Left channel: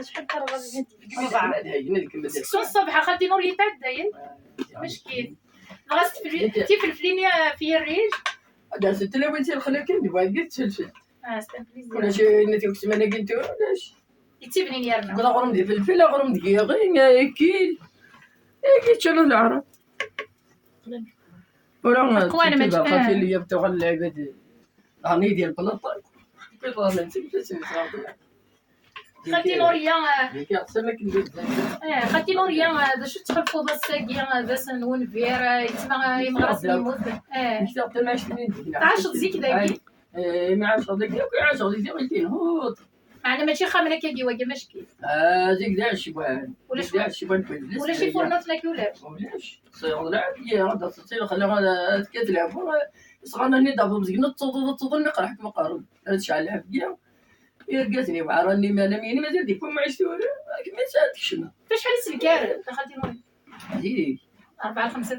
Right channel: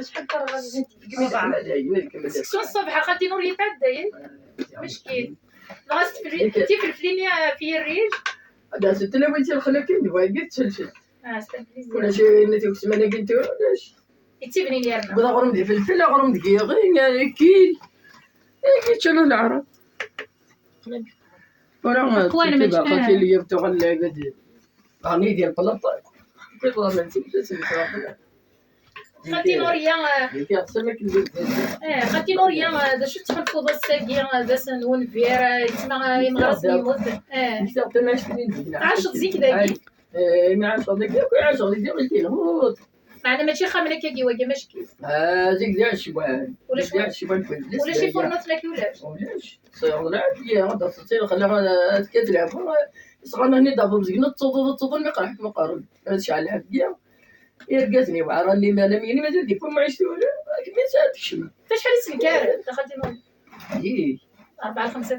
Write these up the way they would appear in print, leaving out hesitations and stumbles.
شحال كان غادي سكسون الصباح خدي نور يتعدى داير مشكل غاست تي فلفليني في الريج هذا ست لا بغيتي نخليك نبغي تفلفل ستا بليزير ولا شي نتي وسمانه قلت ولاش تيبني لي رنا بدا غرم ديال الفلفل غرم دقيق كيل كيت انا العرب ولا قواني ما خاطي ليا بتوع اللعبه ديال غني ديال بلاطه كيف غادي نسيب خدي نوريا ديك احسن كندير خدي نوريا دا شو تحفظ الساقي دا سنون فيرا يتما يمغرس يموت كنت ما شنين عاش تزيك داكي ما عاش ديك عاش ديك كينهوض معنا ماشي خامله كي واجا مشكل زيك داع الشبان ولا شي فرنوت لك ولاش صيغ لعب يا غدا تصير خليها كتلعب صغرنا هني دابا مزقنا تطول ما قرحك ما قارب شحال لعب بيا يرقاتني وعراني ما نميني مازال ديك ما عشت ولا ما سالتش فشحال السكر دخلتي نور هذيك 4-5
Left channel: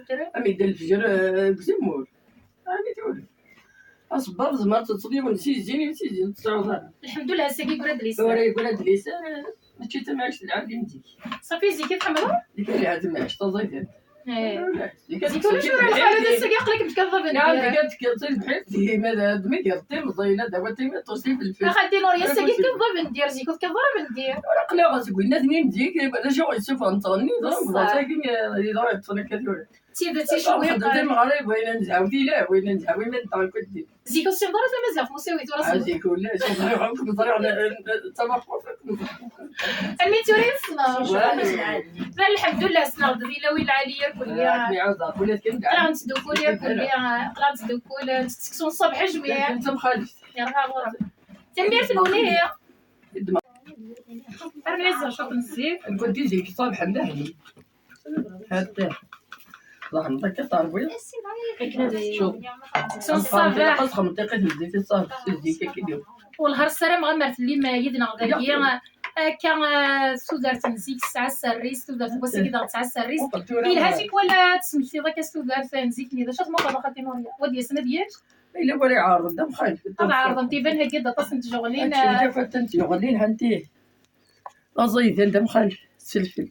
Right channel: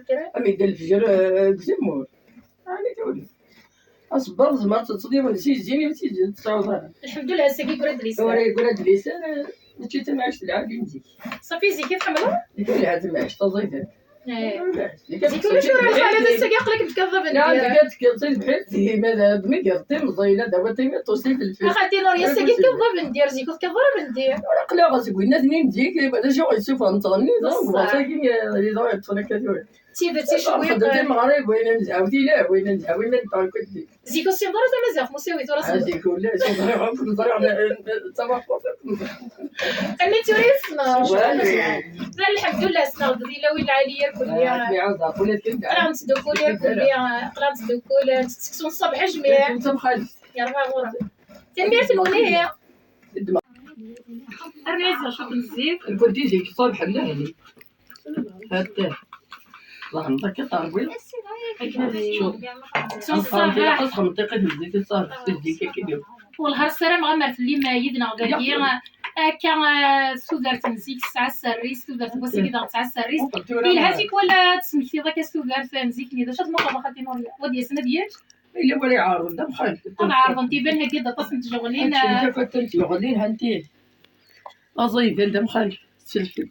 درهم امي ديال الفجر بزمور راني تولي اصبر زمرت تصدي ونسيت زيني نسيت تصاوب الحمد لله ساقي برد لي ولاد لسان ماشي تا ما عشت العادي مزيك صافي زيكي تحملوا ديك اللي عاد ما عشت تزيد زيك ولا شو راه الحاله الساقي عقلك متكذب لا ديك كتصير بحال ماذا دمي كيرطي مزينه دابا تيمي توصي في الفيلم خدي نور يا ساقي كذاب ندير زيك كذاب ندير قلا غاسك الناس منين تجيك هذا شي يشوف نتغني ساكن يضرب تصنك تيبداتي شويه خدمت المغرب وين نزعاودي لا وين نزعاوي من طال كنت زيك السي مدار مازال مساوي ترى هذيك ولا شي طريقه كنت طريق الطبق اني توريسنا الحمد لله سنا ودي وين العاليه كلها بيعوض ولات كنت قرانت دوكوليا كلها قرانت دوكولا تسكسون الصبح جميع انت مخالف يا غا تندير الاغنيه الريزه شوف نزيد كنت ديك الصبح ملهني هات الله نعطيك طالبي شوف سكسون الصباح قصخ منطقه الزيت الصافي الزيت كيدير والهر السلام غمرت اللي ما يدنا غادي كان سودارت نزيك ساعه السريس سودارت بوسي كدا ساعه السريس الهاتيك ولا تسميتي ذاك سودارت نزيك لي شات مقابله خاطي نور ودي سنه ديال الا بغي عارض دم خايف انا عارضه انت بان هكا تصنت جوغلين انت فتنت جوغلين هانتي اصيد انت مخالف سلفل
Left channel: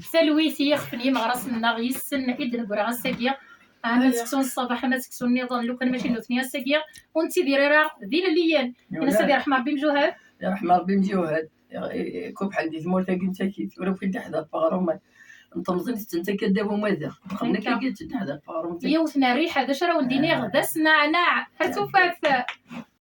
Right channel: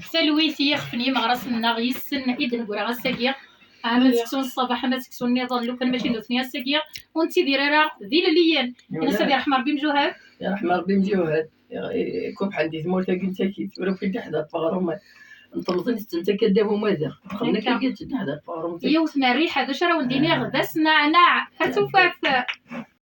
سلويتي يخفني مغرس النغيس سن اذن كرا الساقيه ما سكسون الصباح ما سكسون نضال لو كان ماشي نوثني الساقيه وانت ديري راه ذي ليان انا سبي رحمه ربي مجوهر يا رحمه ربي مجوهر كوب حديث مولتا كنت اكيد ولا في حدا باغروم انت مزنت انت كداب وماذا خلنا كي قلت حدا باغروم يوثنا الريحه هذا شرا ونديني غدا سنعناع حتى فاف